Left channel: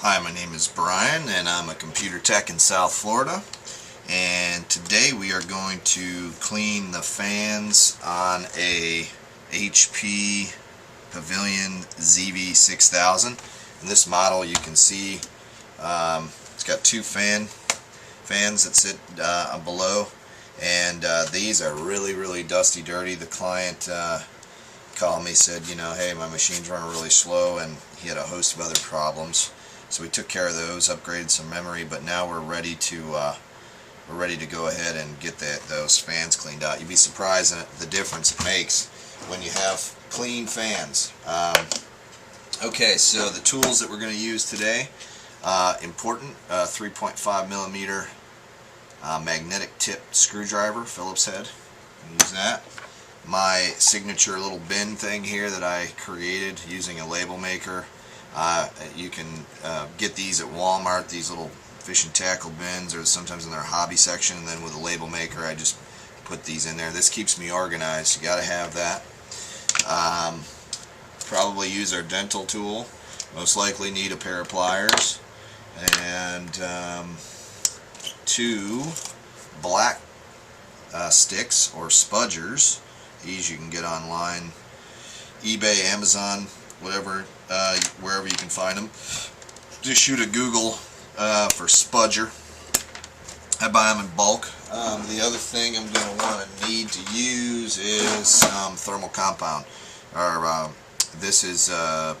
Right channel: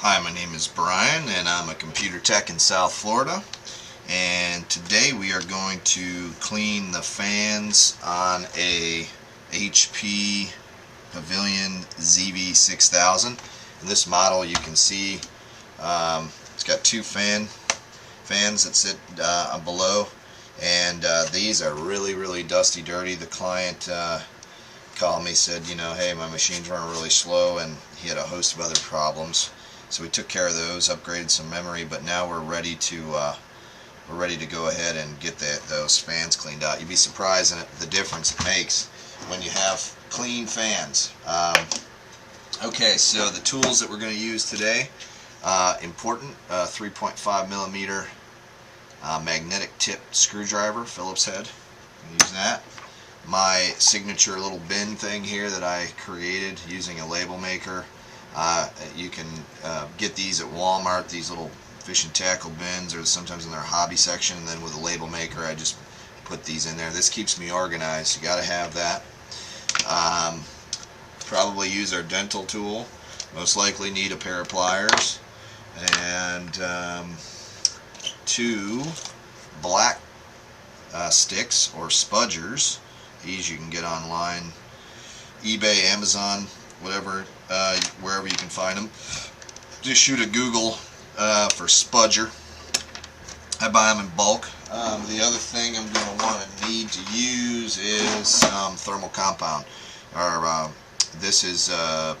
Hi, my name is Brian and I'm a computer tech in South Florida, and today we are going to clean the fans on a HP Pavilion zv6000. In this model you can see it's got two fans that sit below, and these are really dusty, dirty. The client called me, said, hey, my machine's running really slow, and he had a host of other problems. So we took care of those, upgraded some memory, but now we're ready to go ahead and get those fans cleaned out. You'd be surprised at the difference it makes when you have clean fans. Okay, so the tools that we're going to use today, important, 3.5 millimeter magnetic tip screwdriver, Phillips head. Use that. My signature little bin thing here that I created using a label maker. You can get these at Walmart, these little fish and tackle bins, or sometimes in their hobby section, and then with a label maker I just put these in there. This keeps me organized. You got to have that. Probably use our dental tool. Most likely need a pair of pliers and two black sticks or spudgers. These you can get online, eBay, Amazon, whatever, wherever you can find them. Just shoot a Google for spudger. I buy them in bulk. The other thing I'm going to want to need to use is some thermal compound. This is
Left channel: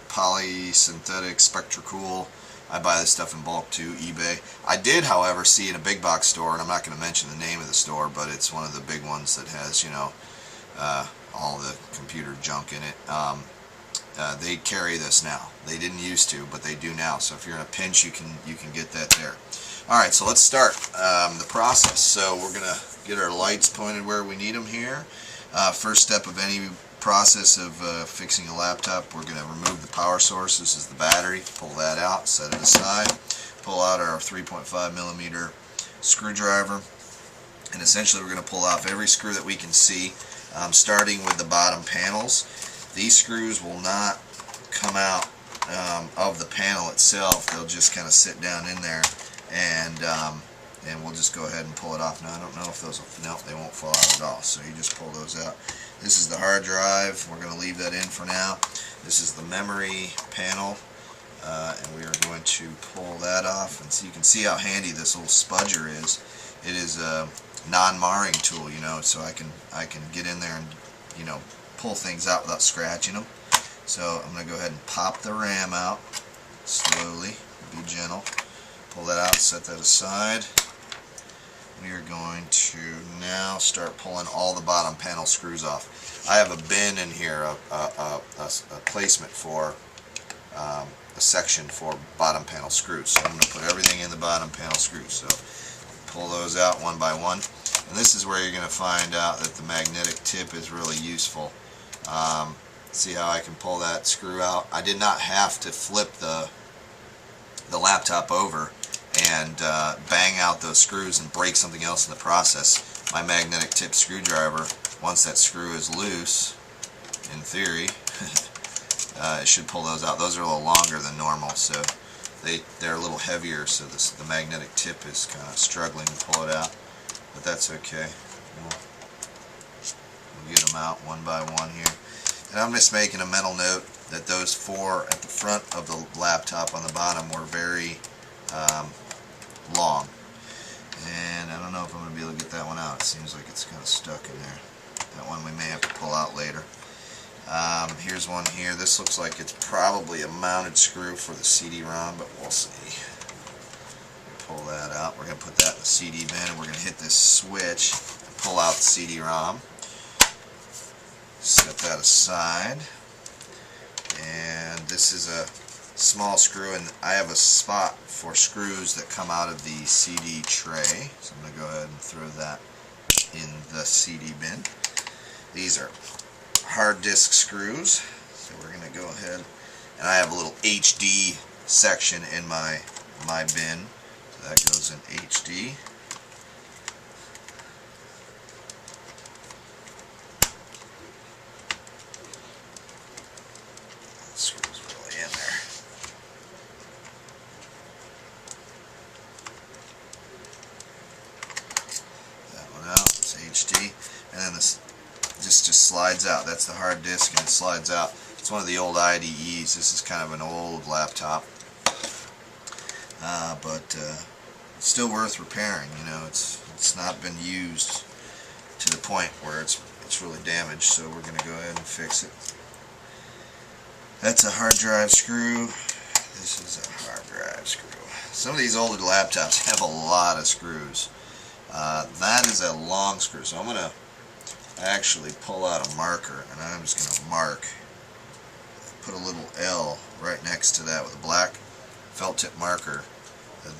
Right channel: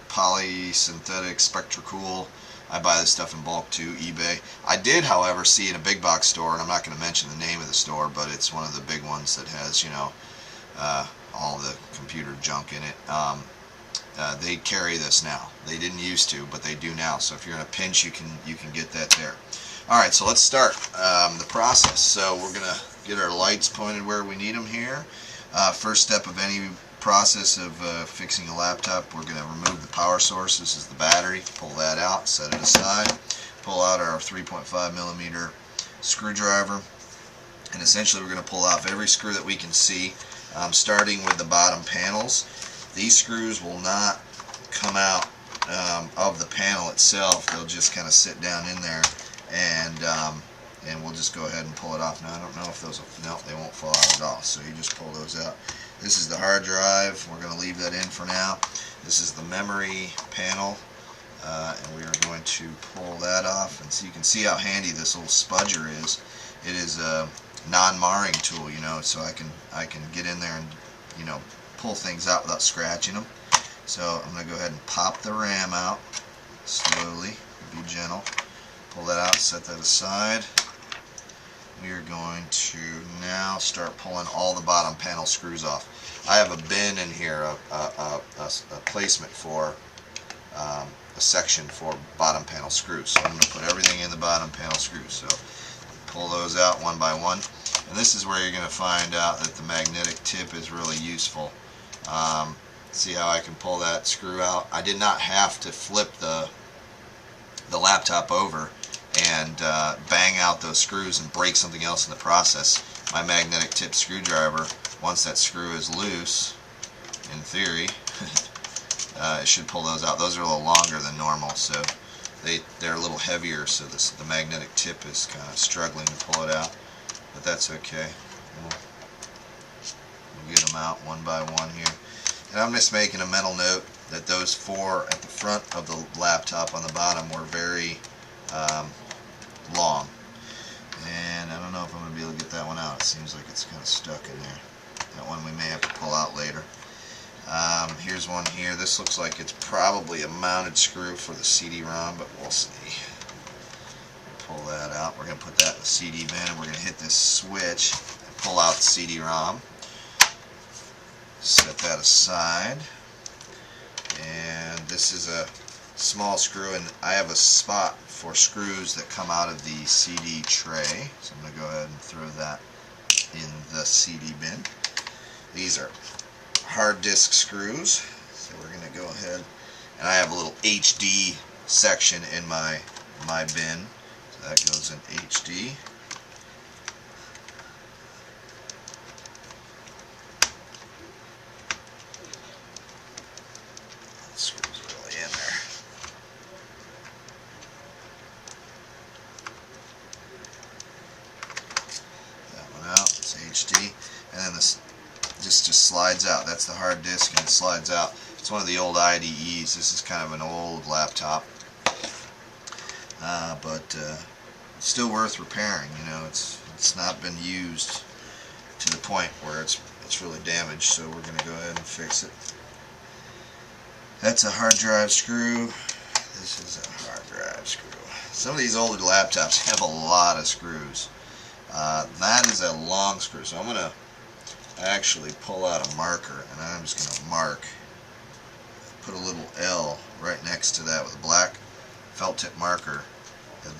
polysynthetic Spectracool. I buy this stuff in bulk too, eBay. I did, however, see in a big box store, and I'm not going to mention the name of the store, but it's one of the big ones that has, all the computer junk in it. They carry this now. They didn't used to, but they do now. So if you're in a pinch, you can get that there. All right, so let's start the process. So we're gonna get our lights pointed where we need them here. First step of any process of fixing a laptop, we're gonna remove the power source. This is the battery. Pull that out, set it aside. Pull out our 3.5 millimeter screwdriver, and essentially we're gonna pull off every screw that we can see, starting with the bottom panels. These screws will not come out of the panel itself. They'll just kind of sit down in there, and we'll just go ahead and pull it off. Now I don't know if those will, no, they won't fall out at all. So you just pull those out. This is the hard drive. We're going to leave that in for now. This is the memory panel, and we are going to pull that off. And so you can see how handy this little spudger is. It is a non-marring tool, so I can get in there and pull things out without scratching them. So I'm going to go ahead and pop the RAM out slowly, be gentle. Pull that out, set that aside. We are going to now start pulling all the bottom panel screws off. I have a bin in here, a placement for a section for bottom panel screws. So I'm going to put everything in the bottom panel screws. So pull those out one by one. And this is where you're going to find out that the magnetic tip is really useful. See how I can pull that screw out? I did not have to flip the laptop over and bang out those screws and break something else in the process. My magnetic tip screwdriver, once that screw is loose, in theory, it should pull those out. Those are a little longer than normal, so they're a little heavier, so the magnetic tip is kind of struggling to pull it out, but that's okay. We'll get them out one by one here. And I'm just making a mental note that those four at the front of the laptop on the bottom were very long. And I don't know if I'm going to be able to get that one out. It seems like it's kind of stuck in there. That one we may have to pull out later. Here's one here. This looks like it's probably a mounted screw for the CD-ROM, but we'll see. Pull that out. We're going to put that in the CD bin, and we're going to hit this switch and pull out the CD-ROM. Set that aside, and this is a small screw, and I have a spot for screws that come out of the CD tray, so I'm going to go ahead and throw that in the CD bin. These are hard disk screws, so we're going to go ahead, and I have a little HD section in my bin, so that goes in HD. Screws really in there. just slides out. That's the hard disk, and it slides out. It's one of the old IDEs. This is kind of an old laptop, but it's still worth repairing. You know, it's not been used to the point where it's really damaged, so we're going to go ahead and fix it. That's a hard drive screw. This is a hard drive screw. Some of these older laptops have a lot of screws. That is a long screw, so I'm going to actually pull out a marker, and I'm just going to mark, put a little L right next to that with a black felt tip marker.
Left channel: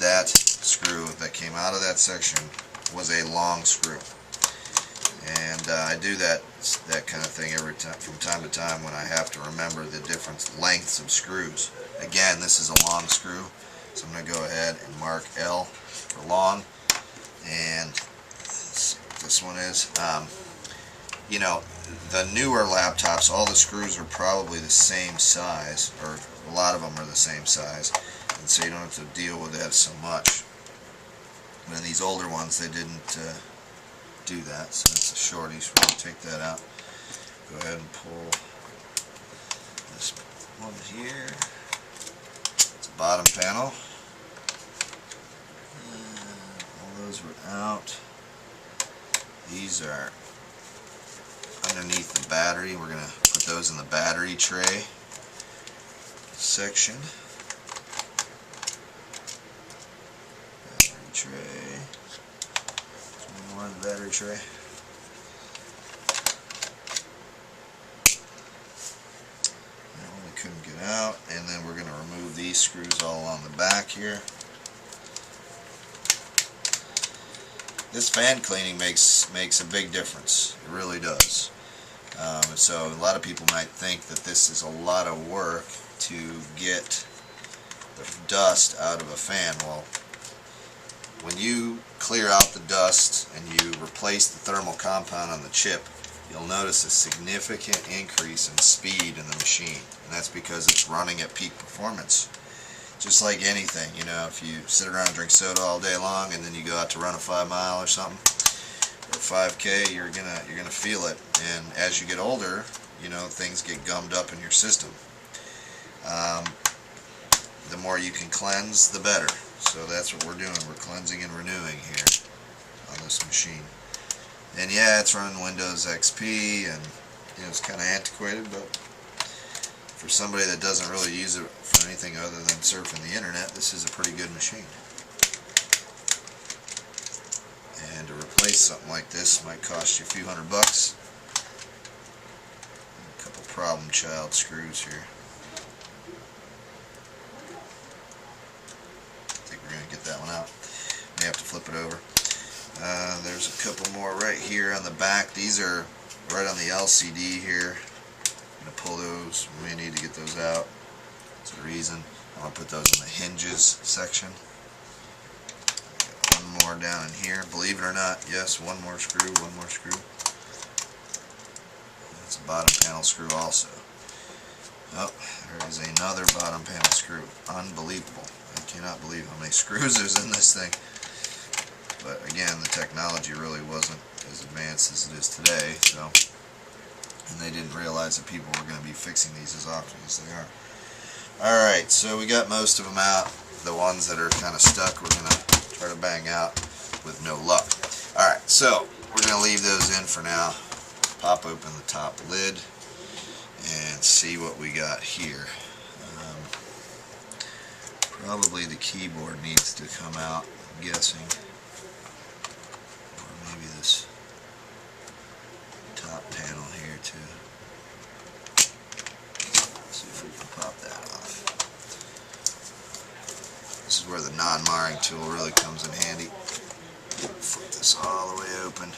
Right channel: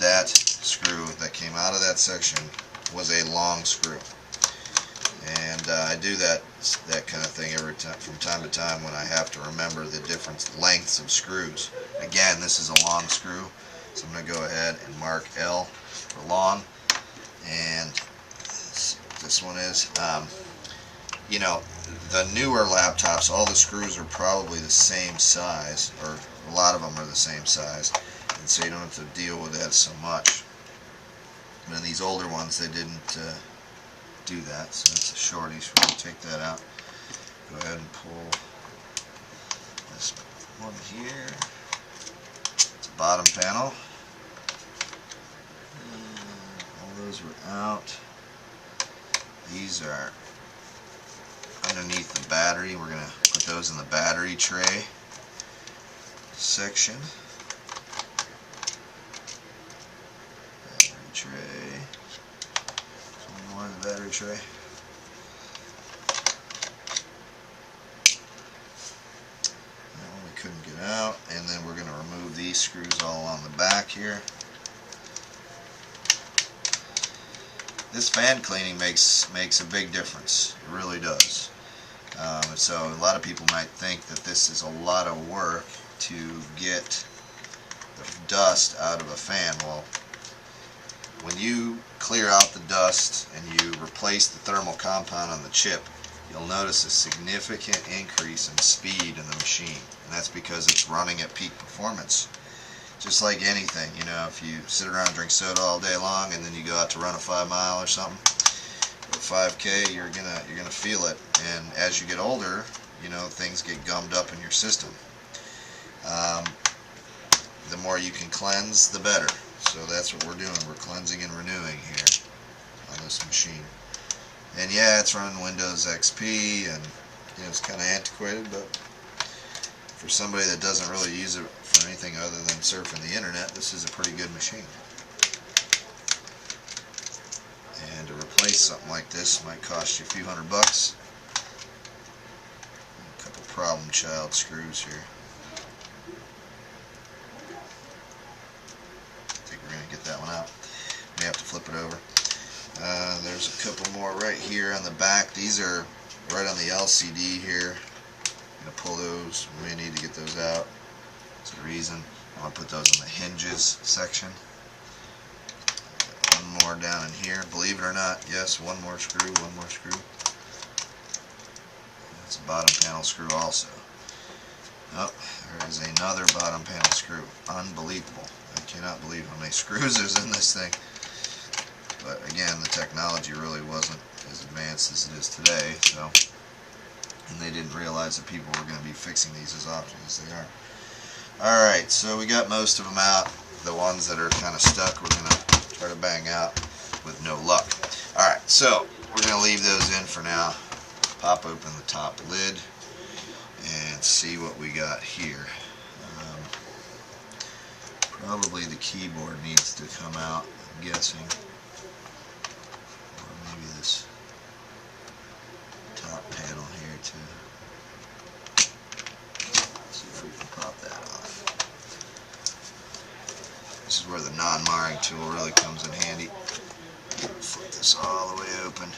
That screw that came out of that section was a long screw. And I do that kind of thing every time, from time to time, when I have to remember the different lengths of screws. Again, this is a long screw, so I'm going to go ahead and mark L for long. And let's see what this one is. You know, the newer laptops, all the screws are probably the same size, or a lot of them are the same size, and so you don't have to deal with that so much. But in these older ones, they didn't do that, so that's a shorty, so we're going to take that out. Go ahead and pull this one here. It's a bottom panel. All those were out. These are underneath the battery. We're going to put those in the battery tray section. Battery tray. There's one more in the battery tray. That one we couldn't get out. And then we're going to remove these screws all on the back here. This fan cleaning makes a big difference. It really does. So a lot of people might think that this is a lot of work to get the dust out of a fan. Well, when you clear out the dust and you replace the thermal compound on the chip, you'll notice a significant increase in speed in the machine, and that's because it's running at peak performance. Just like anything, you know, if you sit around and drink soda all day long and then you go out to run a 5 mile or something, or 5K, you're gonna feel it. And as you get older, you know, things get gummed up in your system. The more you can cleanse, the better. So that's what we're doing. We're cleansing and renewing here on this machine. And yeah, it's running Windows XP, and you know, it's kind of antiquated, but for somebody that doesn't really use it for anything other than surfing the internet, this is a pretty good machine. And to replace something like this might cost you a few $100. A couple problem child screws here. I think we're going to get that one out. We have to flip it over. There's a couple more right here on the back. These are right on the LCD here. I'm going to pull those. We may need to get those out. That's the reason. I'm going to put those in the hinges section. One more down in here. Believe it or not, yes, one more screw, one more screw. That's a bottom panel screw also. Oh, there is another bottom panel screw. Unbelievable. I cannot believe how many screws there's in this thing. But again, the technology really wasn't as advanced as it is today, so, and they didn't realize that people were going to be fixing these as often as they are. Alright, so we got most of them out. The ones that are kind of stuck, we're going to try to bang out with no luck. Alright, so we're going to leave those in for now. Pop open the top lid and see what we got here. Probably the keyboard needs to come out, I'm guessing. Or maybe this top panel here too. Let's see if we can pop that off. This is where the non-marring tool really comes in handy. Flip this all the way open.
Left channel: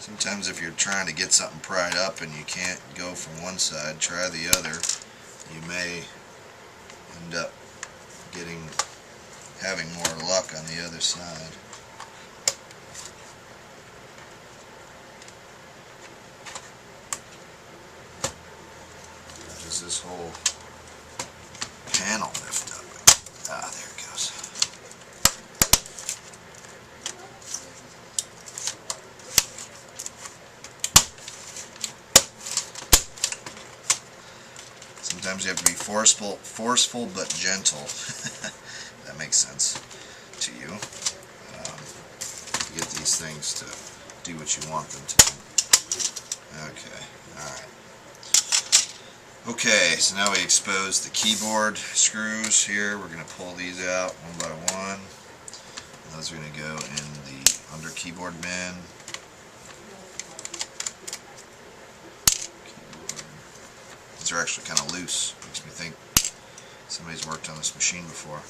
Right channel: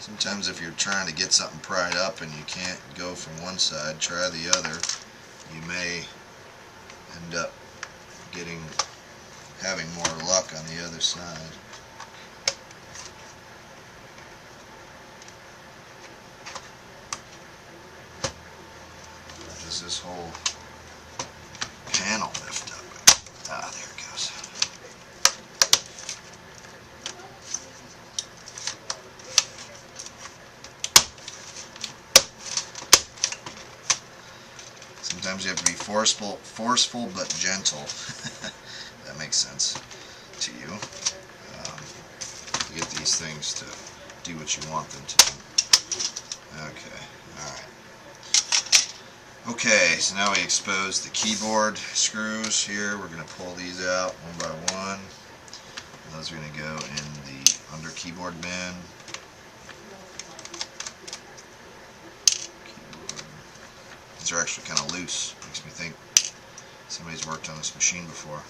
Sometimes if you're trying to get something pried up and you can't go from one side, try the other. You may end up having more luck on the other side. does this whole panel lift up? Ah, there it goes. Sometimes you have to be forceful but gentle. That makes sense to you. To get these things to do what you want them to do. Okay, alright. Okay, so now we expose the keyboard screws here. We're going to pull these out one by one. Those are going to go in the under keyboard bin. These are actually kind of loose. Makes me think somebody's worked on this machine before.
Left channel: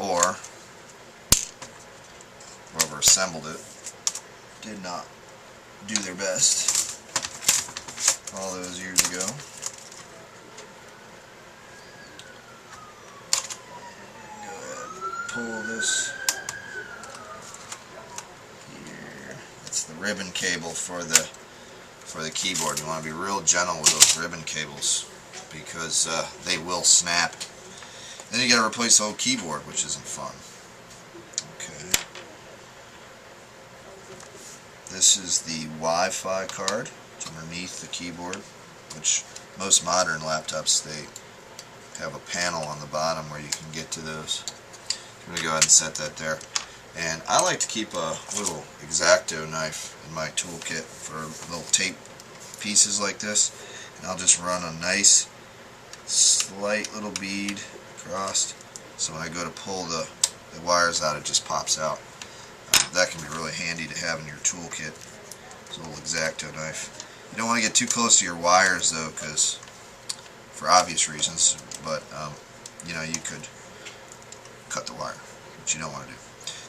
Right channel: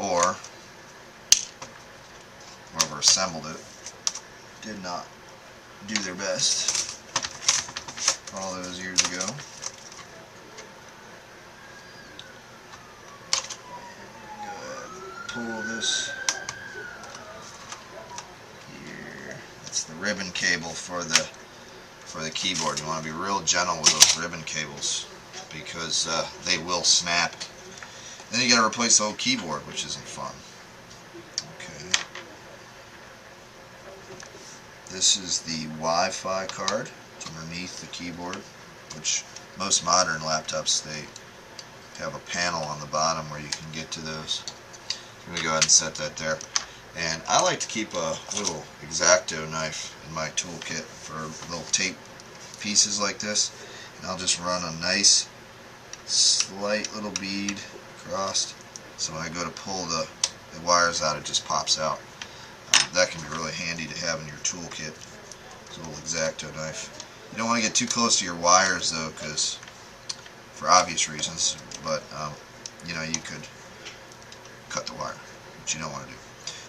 Or whoever assembled it did not do their best all those years ago. Go ahead and pull this here. That's the ribbon cable for the keyboard. You want to be real gentle with those ribbon cables because they will snap. Then you got to replace the whole keyboard, which isn't fun. Okay. This is the Wi-Fi card. It's underneath the keyboard, which most modern laptops, they have a panel on the bottom where you can get to those. I'm going to go ahead and set that there. And I like to keep a little X-Acto knife in my toolkit for little tape pieces like this. And I'll just run a nice slight little bead across, so when I go to pull the wires out, it just pops out. That can be really handy to have in your toolkit. It's a little X-Acto knife. You don't want to get too close to your wires though, because for obvious reasons, but you know, you could cut the wire, which you don't want to do.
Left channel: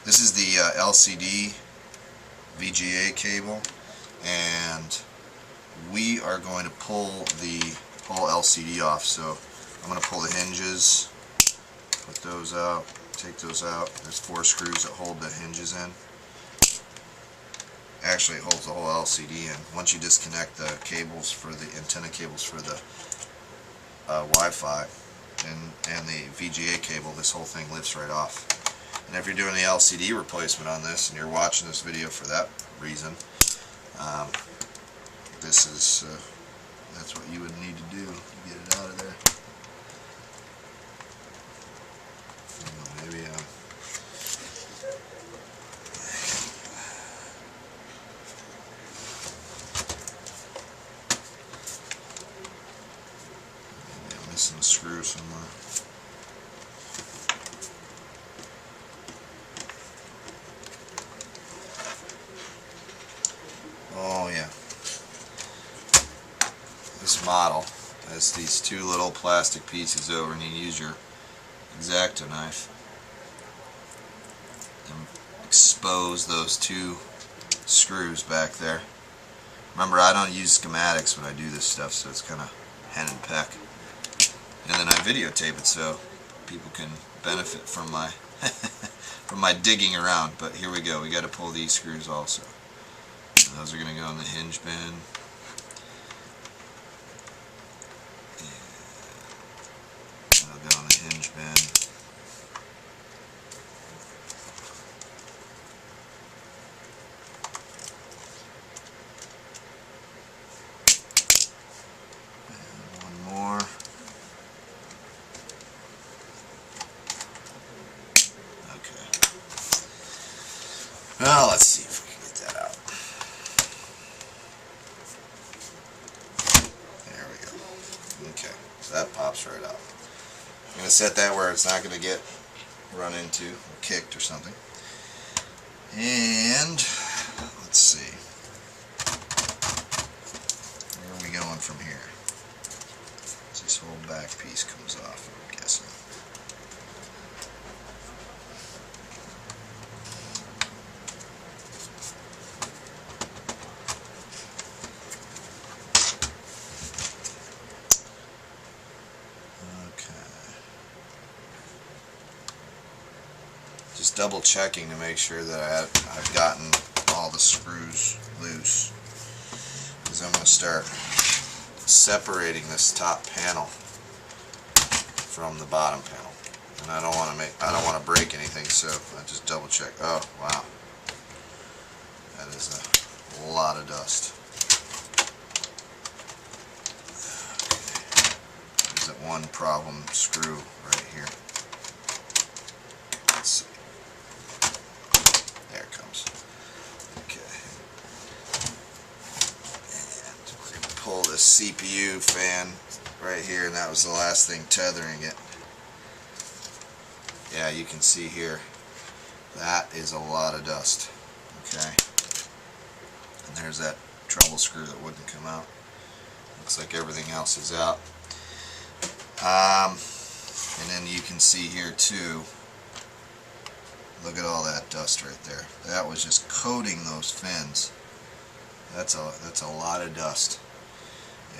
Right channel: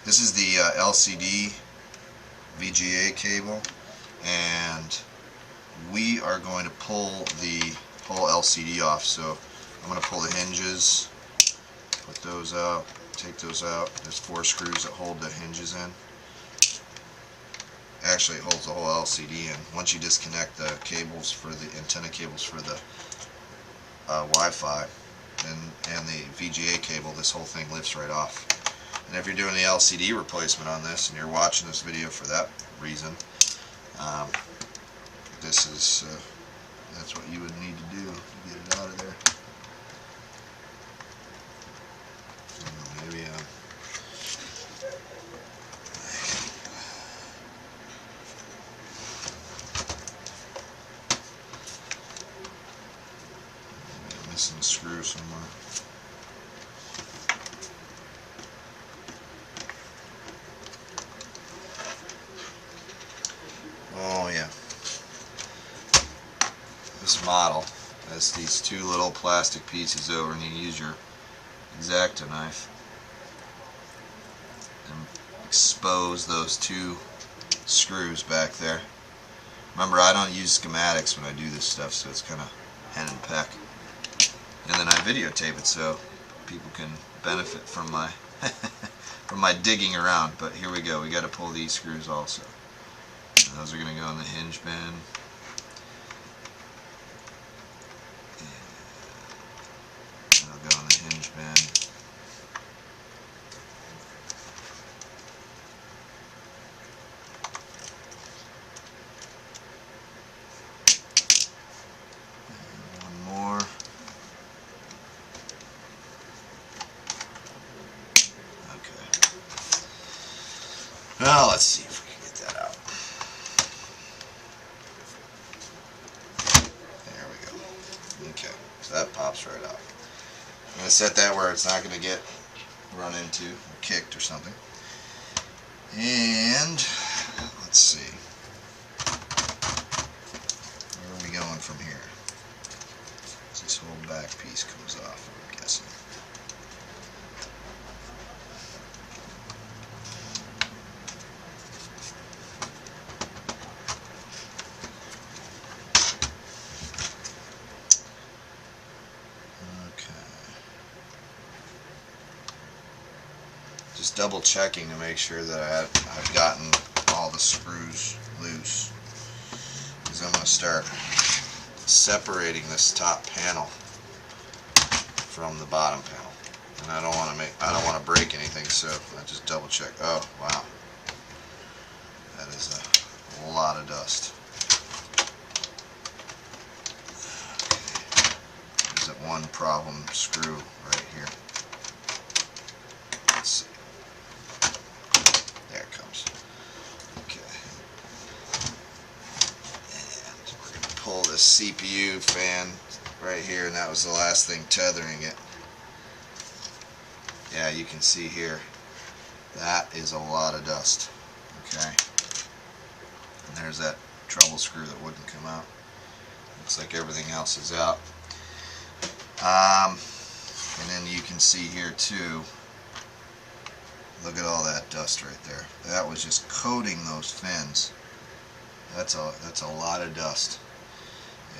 This is the LCD VGA cable, and we are going to pull the whole LCD off. So I'm going to pull the hinges, put those out, take those out. There's 4 screws that hold the hinges in. Actually, it holds the whole LCD in. Once you disconnect the cables for the antenna cables for the Wi-Fi and the VGA cable, this whole thing lifts right off. And if you're doing the LCD replacement on this, and you're watching this video for that reason, this is that's what you would need to do to get it out of there. Maybe I'm missing a screw somewhere. Oh yeah. This model has these 2 little plastic pieces over, and you use your X-Acto knife and expose those 2 screws back there. Remember, I don't use schematics when I do this stuff, so it's kind of hen and peck. And then I videotape it so people can benefit from my from my digging around. But here we go. We got to pull these screws also. And those are going to go in the hinge bin. And they'll go in the hinge bin. Well, let's see if we can get that out. There we go. Okay, so that pops right out. I'm going to set that where it's not going to get run into or kicked or something. And let's see. Where are we going from here? This whole back piece comes off, I'm guessing. Just double checking to make sure that I've gotten all the screws loose, because I'm going to start separating this top panel from the bottom panel, and I don't want to break anything, so I just double check. Oh wow, that is a lot of dust. Okay. There's that one problem screw right here. Let's see. There it comes. Okay. And we're going to pull this CPU fan right here, and that was the last thing tethering it. Yeah, you can see here, that is a lot of dust. Okay. And there's that treble screw that wouldn't come out. Looks like everything else is out. And then you can see here too, look at all that dust right there. That was just coating those fins. That's a lot of dust.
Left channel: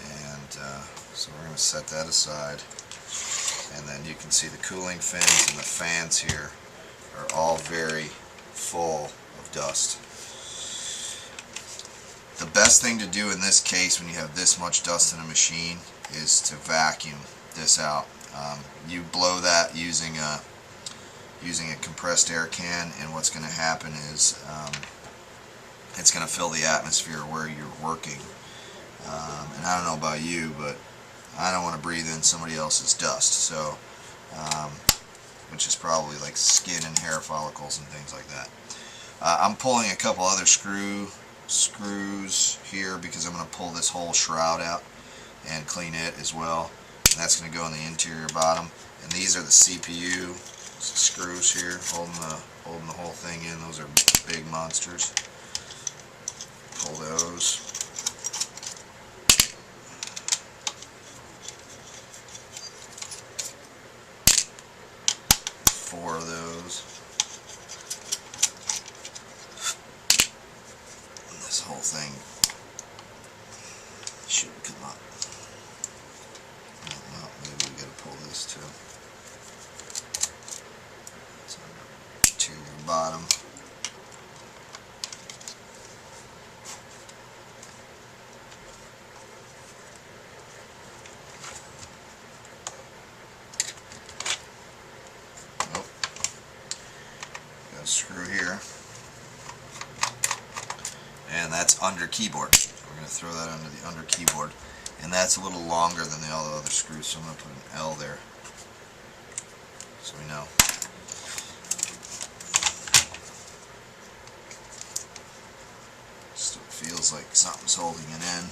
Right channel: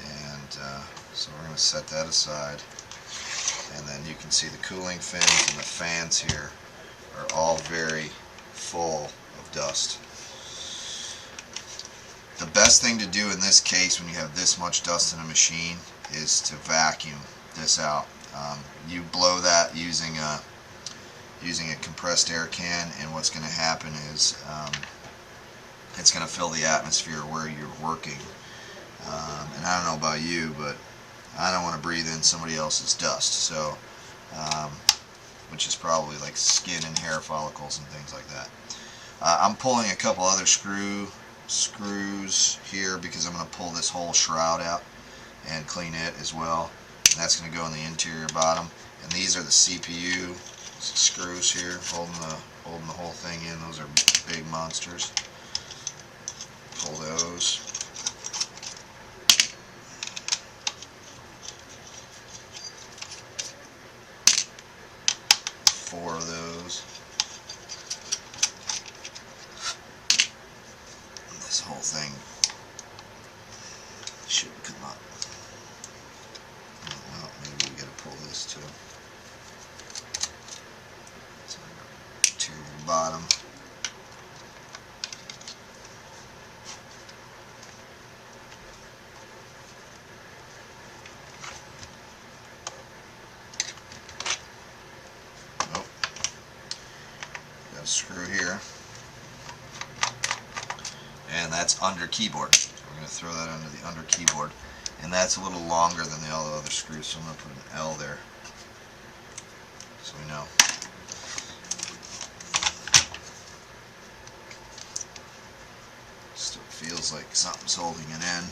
And so we're going to set that aside. And then you can see the cooling fins and the fans here are all very full of dust. The best thing to do in this case when you have this much dust in a machine is to vacuum this out. You blow that using a compressed air can, and what's going to happen is it's going to fill the atmosphere where you're working. And I don't know about you, but I don't want to breathe in somebody else's dust, so which is probably like skin and hair follicles and things like that. I'm pulling a couple other screws here because I'm going to pull this whole shroud out and clean it as well, and that's going to go in the interior bottom. And these are the CPU screws here holding the whole thing in. Those are big monsters. Pull those. Four of those. And this whole thing should come up. Well, maybe we gotta pull this too. It's on the interior bottom. Screw here, and that's under keyboard. We're going to throw that under the under keyboard, and that's a little longer than all the other screws, so I'm going to put an L there so we know. Still feels like something's holding it in.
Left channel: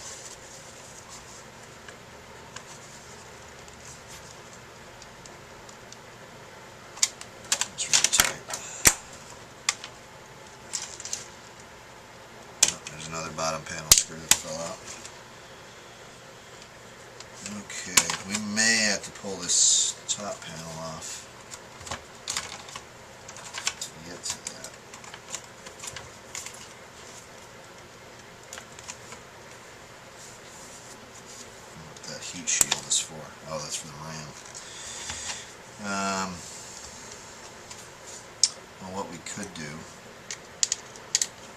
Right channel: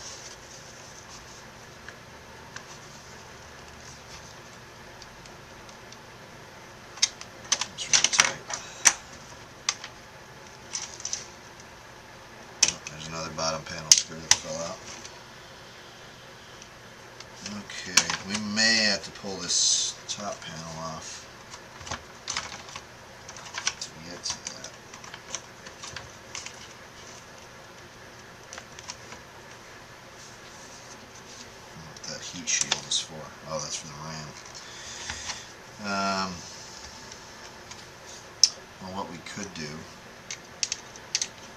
Another bottom panel screw that fell out. Okay, we may have to pull this top panel off to get to that. What that heat shield is for. Oh, that's for the RAM. Well, what we could do,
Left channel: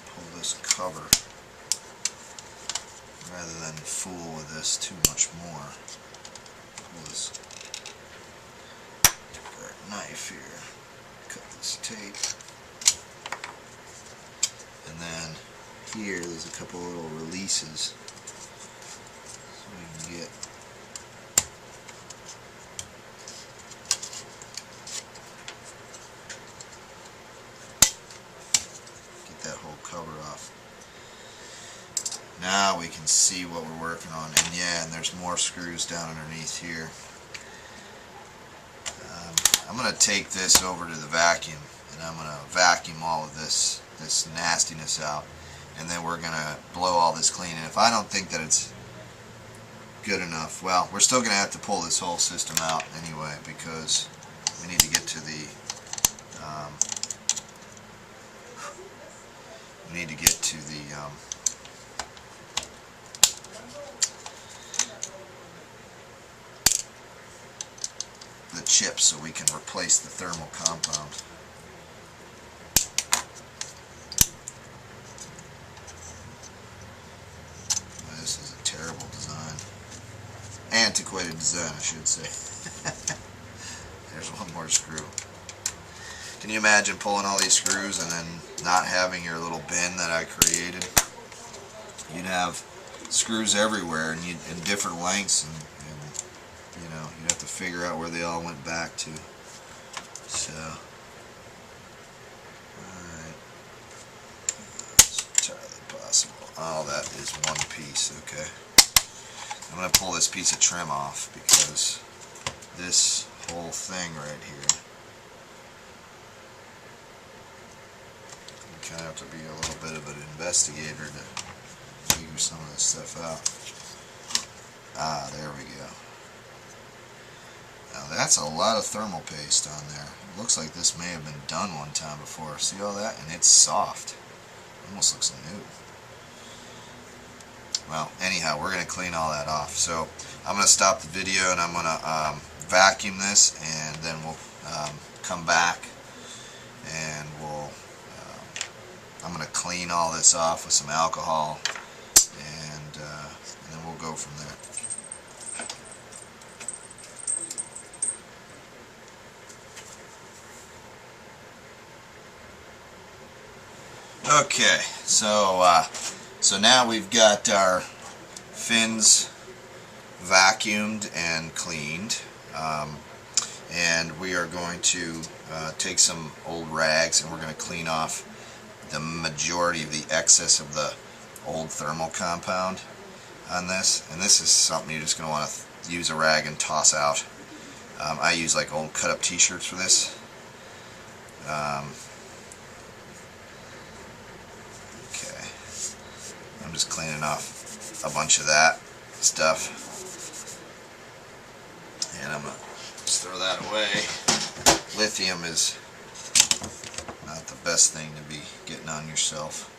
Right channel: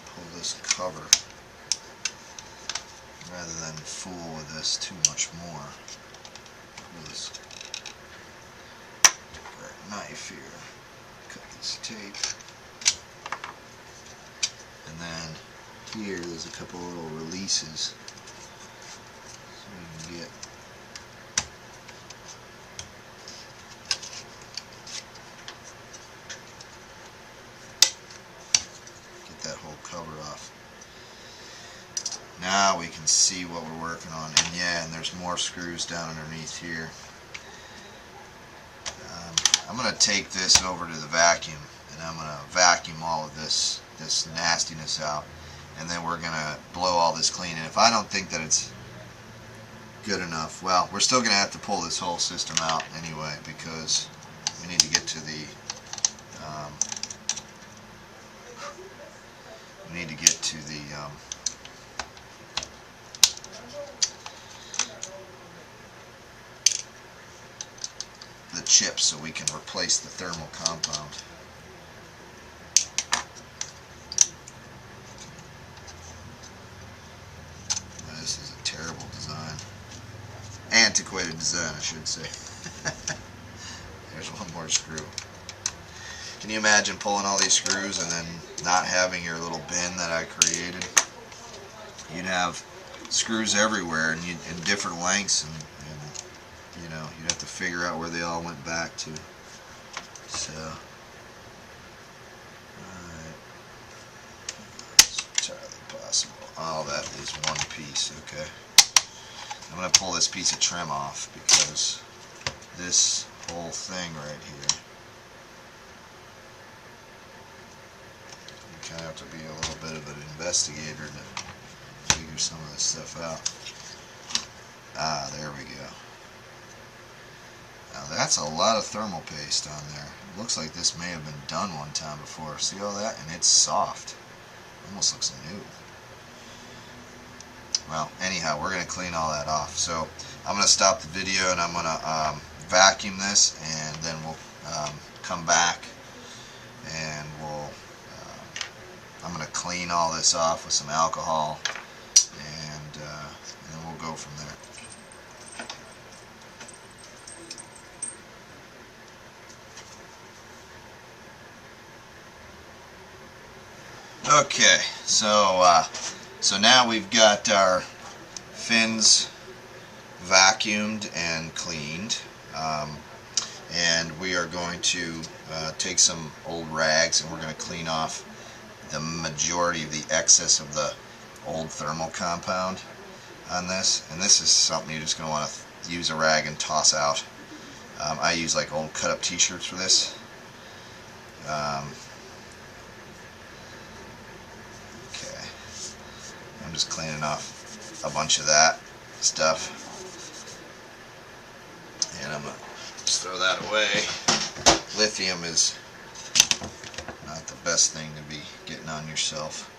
pull this cover. Rather than fool with this too much more, pull this knife here, cut this tape, and then here there's a couple little releases so we can get that whole cover off. Now we can see what we're working on, and yeah, and there's more screws down underneath here. I'm going to take this over to the vacuum, and I'm going to vacuum all of this nastiness out, and then we're going to blow all this clean. And if I don't think that it's good enough, well, we're still going to have to pull this whole system out anyway, because we need to get to the chips so we can replace the thermal compound. This is a terrible design. antiquated design, I should say. There's one more screw. Can you imagine pulling all these screws and then not having your little bin that I created? You'd have screws everywhere and in different lengths, and you know, you'd have to figure out where they all went back to. So, alright, it's entirely possible. Oh, that is one piece. Okay, I'm going to pull this piece of trim off because this whole thing right here, you kind of have to be a little bit of an investigator to figure some of this stuff out. Ah, there we go. Now that's a lot of thermal paste on there. It looks like this may have been done one time before. See all that? And it's soft. Almost looks new. Well, anyhow, we're going to clean all that off. So I'm going to stop the video and I'm going to vacuum this, and then we'll come back and I'm going to clean all this off with some alcohol, and then we'll go from there. Okay, so now we've got our fins vacuumed and cleaned, and we are going to take some old rags and we're going to clean off the majority of the excess of the old thermal compound on this. And this is something you're just going to want to use a rag and toss out. I use like old cut up t-shirts for this. Okay, I'm just cleaning off a bunch of that stuff, and I'm going to just throw that away. Lithium is not the best thing to be getting on yourself.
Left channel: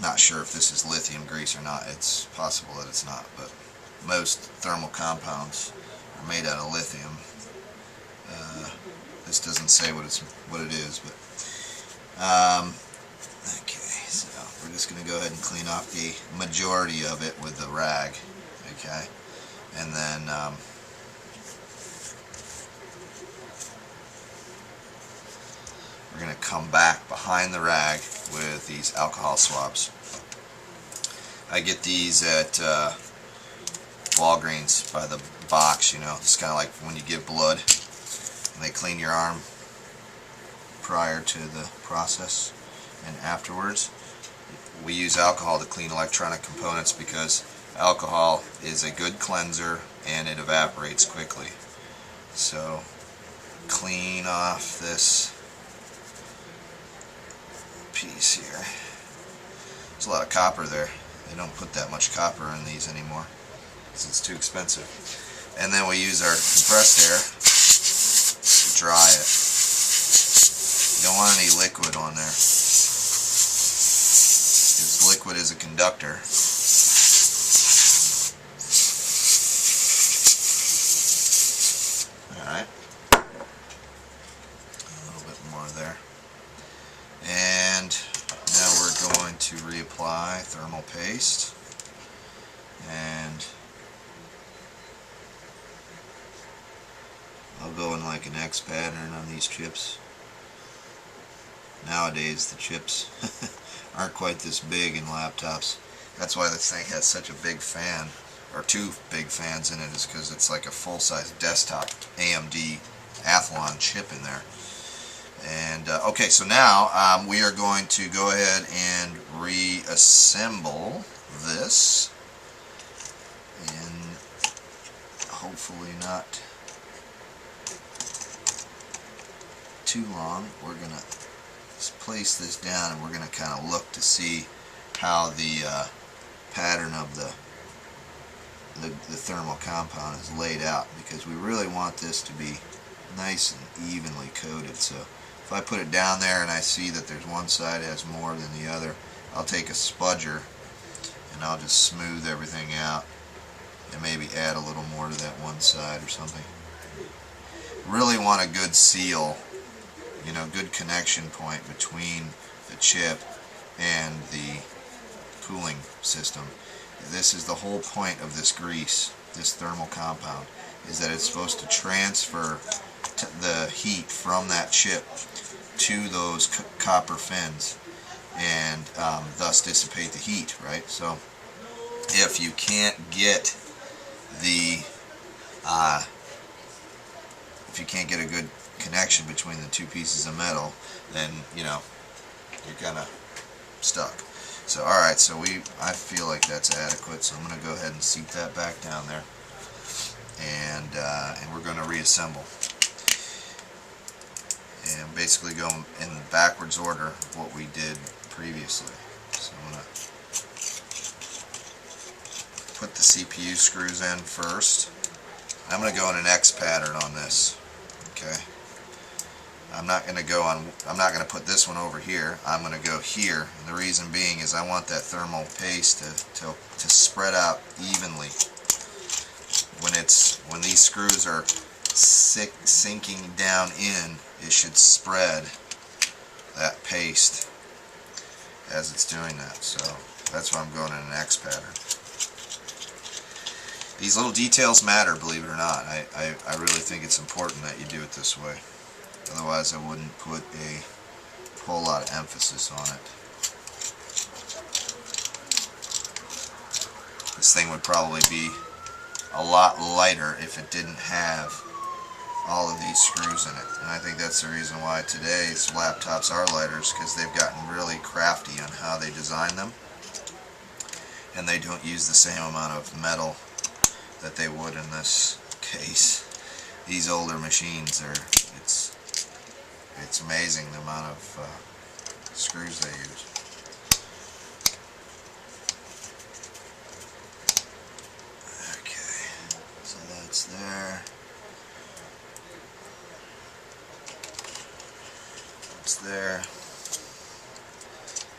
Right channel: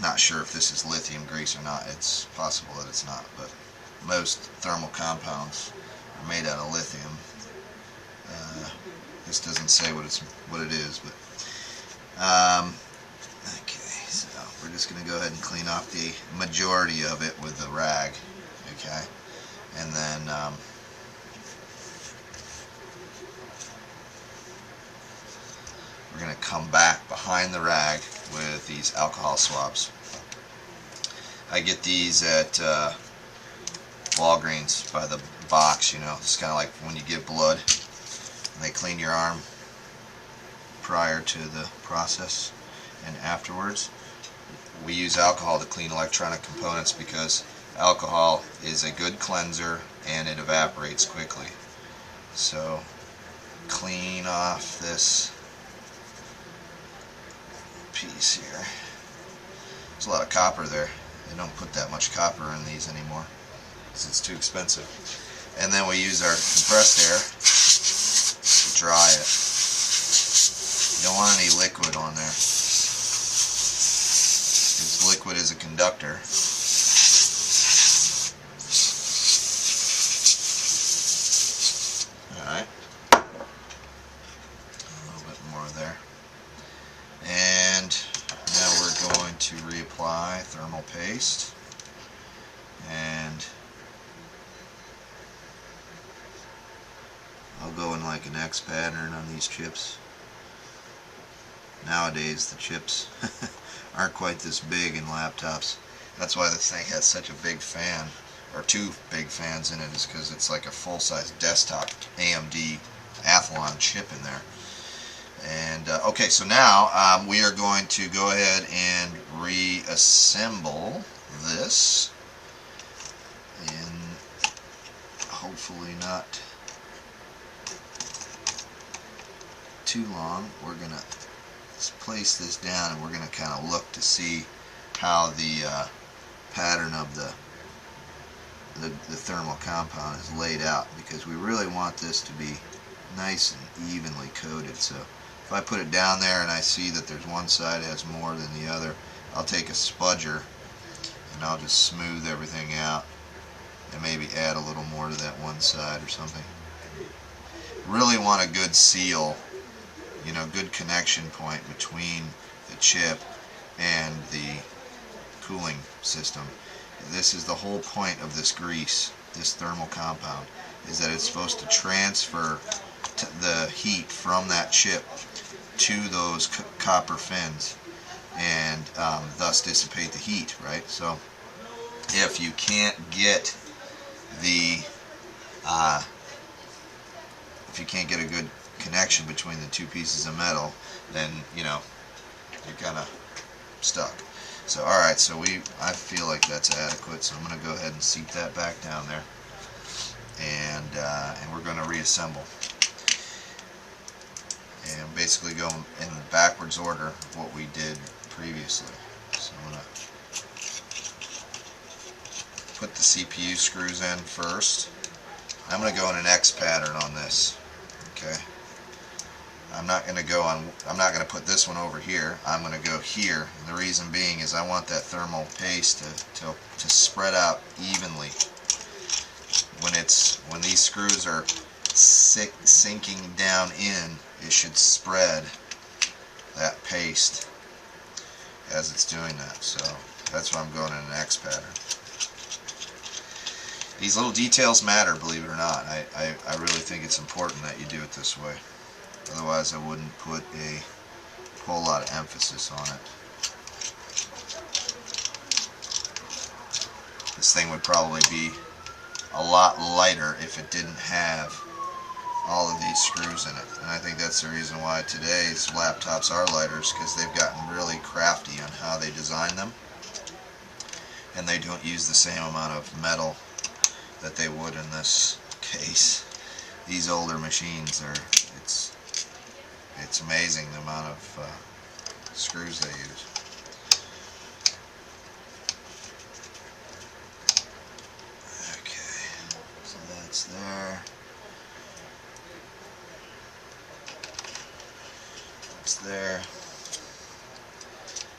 Not sure if this is lithium grease or not. It's possible that it's not, but most thermal compounds are made out of lithium. This doesn't say what it is, but okay, so we're just going to go ahead and clean off the majority of it with the rag. Okay, and then we're going to come back behind the rag with these alcohol swabs. I get these at Walgreens by the box, you know. It's kind of like when you give blood and they clean your arm prior to the process and afterwards. We use alcohol to clean electronic components because alcohol is a good cleanser and it evaporates quickly. So clean off this piece here. There's a lot of copper there. They don't put that much copper in these anymore because it's too expensive. And then we use our compressed air to dry it. You don't want any liquid on there, because liquid is a conductor. Alright, a little bit more there. And now we're going to reapply thermal paste, and I'll go in like an X pattern on these chips. Nowadays the chips aren't quite this big in laptops. That's why this thing has such a big fan, or two big fans in it, is because it's like a full-size desktop AMD Athlon chip in there. And okay, so now we are going to go ahead and reassemble this, and hopefully not too long. We're going to place this down, and we're going to kind of look to see how the pattern of the thermal compound is laid out, because we really want this to be nice and evenly coated. So if I put it down there and I see that there's one side has more than the other, I'll take a spudger and I'll just smooth everything out and maybe add a little more to that one side or something. Really want a good seal, you know, good connection point between the chip and the cooling system. This is the whole point of this grease, this thermal compound, is that it's supposed to transfer the heat from that chip to those copper fins, and thus dissipate the heat, right? So if you can't get the if you can't get a good connection between the two pieces of metal, then you're kind of stuck. So alright, so I feel like that's adequate, so I'm going to go ahead and seat that back down there, and we're going to reassemble and basically go in the backwards order of what we did previously. So I'm going to put the CPU screws in first. I'm going to go in an X pattern on this. Okay. I'm not going to put this one over here. I'm going to go here. And the reason being is I want that thermal paste to spread out evenly. When these screws are sinking down in, it should spread that paste as it's doing that. So that's why I'm going in an X pattern. These little details matter, believe it or not. I really think it's important that you do it this way. Otherwise, I wouldn't put a whole lot of emphasis on it. This thing would probably be a lot lighter if it didn't have all of these screws in it. And I think that's the reason why today's laptops are lighter, because they've gotten really crafty on how they design them. And they don't use the same amount of metal that they would in this case. These older machines it's amazing the amount of screws they use. Okay, so that's there. That's there.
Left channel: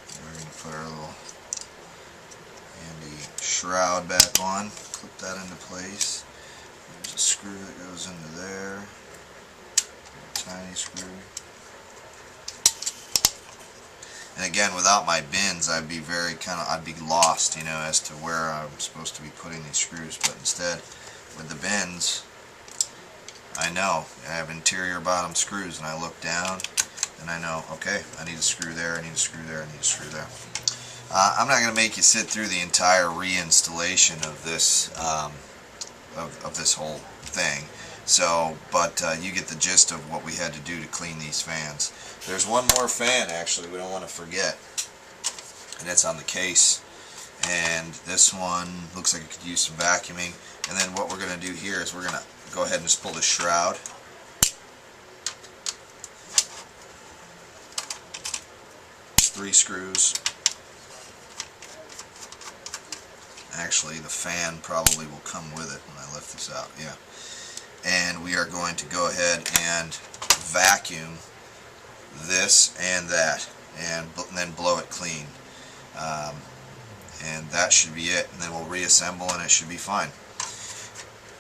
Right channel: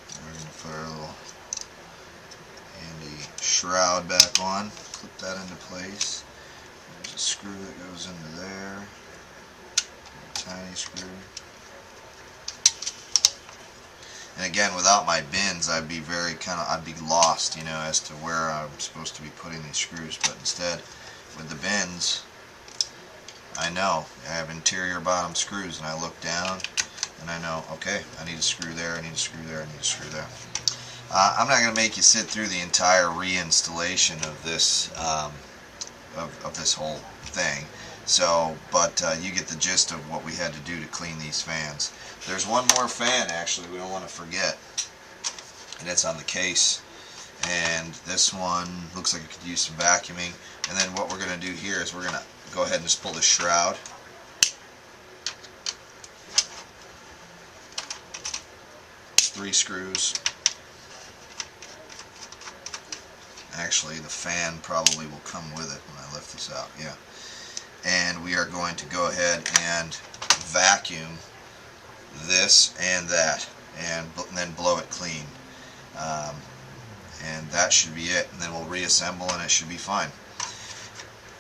And we're going to put our little handy shroud back on. Clip that into place. There's a screw that goes into there. A tiny screw. And again, without my bins, I'd be lost, as to where I'm supposed to be putting these screws. But instead, with the bins, I know I have interior bottom screws, and I look down, and I know, okay, I need a screw there, I need a screw there, I need a screw there. I'm not going to make you sit through the entire reinstallation of this of this whole thing. So, but you get the gist of what we had to do to clean these fans. There's one more fan, actually, we don't want to forget, and it's on the case. And this one looks like it could use some vacuuming. And then what we're going to do here is we're going to go ahead and just pull the shroud. It's 3 screws. Actually, the fan probably will come with it when I lift this out. Yeah. And we are going to go ahead and vacuum this and that, and then blow it clean. And that should be it. And then we'll reassemble, and it should be fine.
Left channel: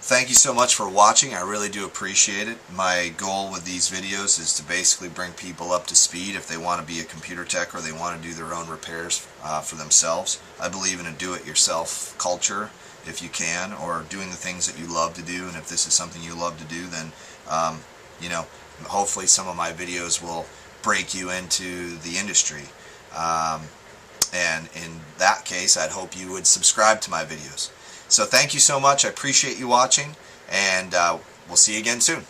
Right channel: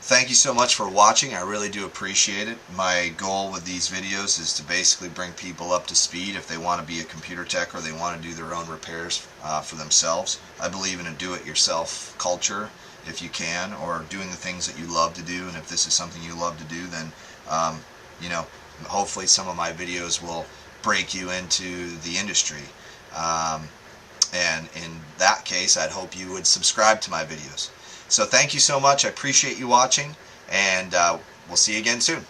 Thank you so much for watching. I really do appreciate it. My goal with these videos is to basically bring people up to speed if they want to be a computer tech or they want to do their own repairs for themselves. I believe in a do-it-yourself culture if you can, or doing the things that you love to do. And if this is something you love to do, then hopefully some of my videos will break you into the industry. And in that case, I'd hope you would subscribe to my videos. So thank you so much. I appreciate you watching, and we'll see you again soon.